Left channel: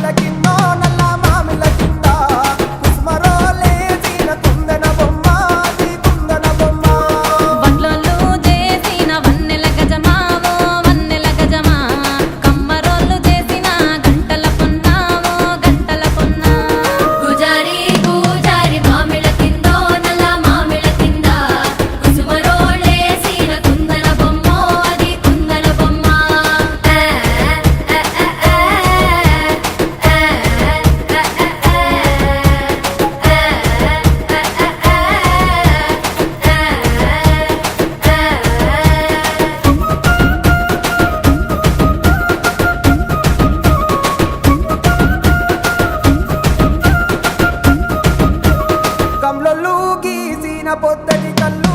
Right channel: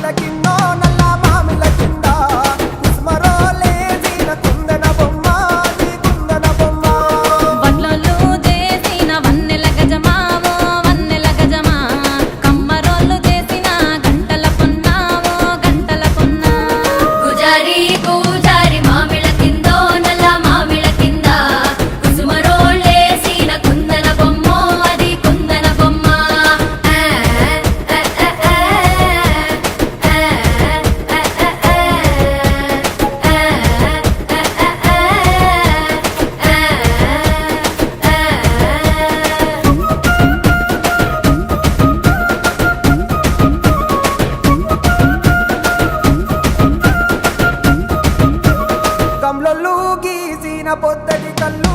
మామిళ్ళ కిందో నల్ల మామిళ్ళ కింద కుసుమరోలేసిన కుందన బొమ్మ అది కుందన బొమ్మ వడ్లోళ్ళు చేసిన వన్నెల గజమావో వన్నెల గజమా కమ్మరోళ్ళు చేసిన గంటల పొన్నావో గంటల పొన్నా గుజారి గుజారి మామిళ్ళ కిందో నల్ల మామిళ్ళ కింద కుసుమరోలేసిన కుందన బొమ్మ అది కుందన బొమ్మ గమ్లొల్లు గీసిన పొద్దటి కళ్ళు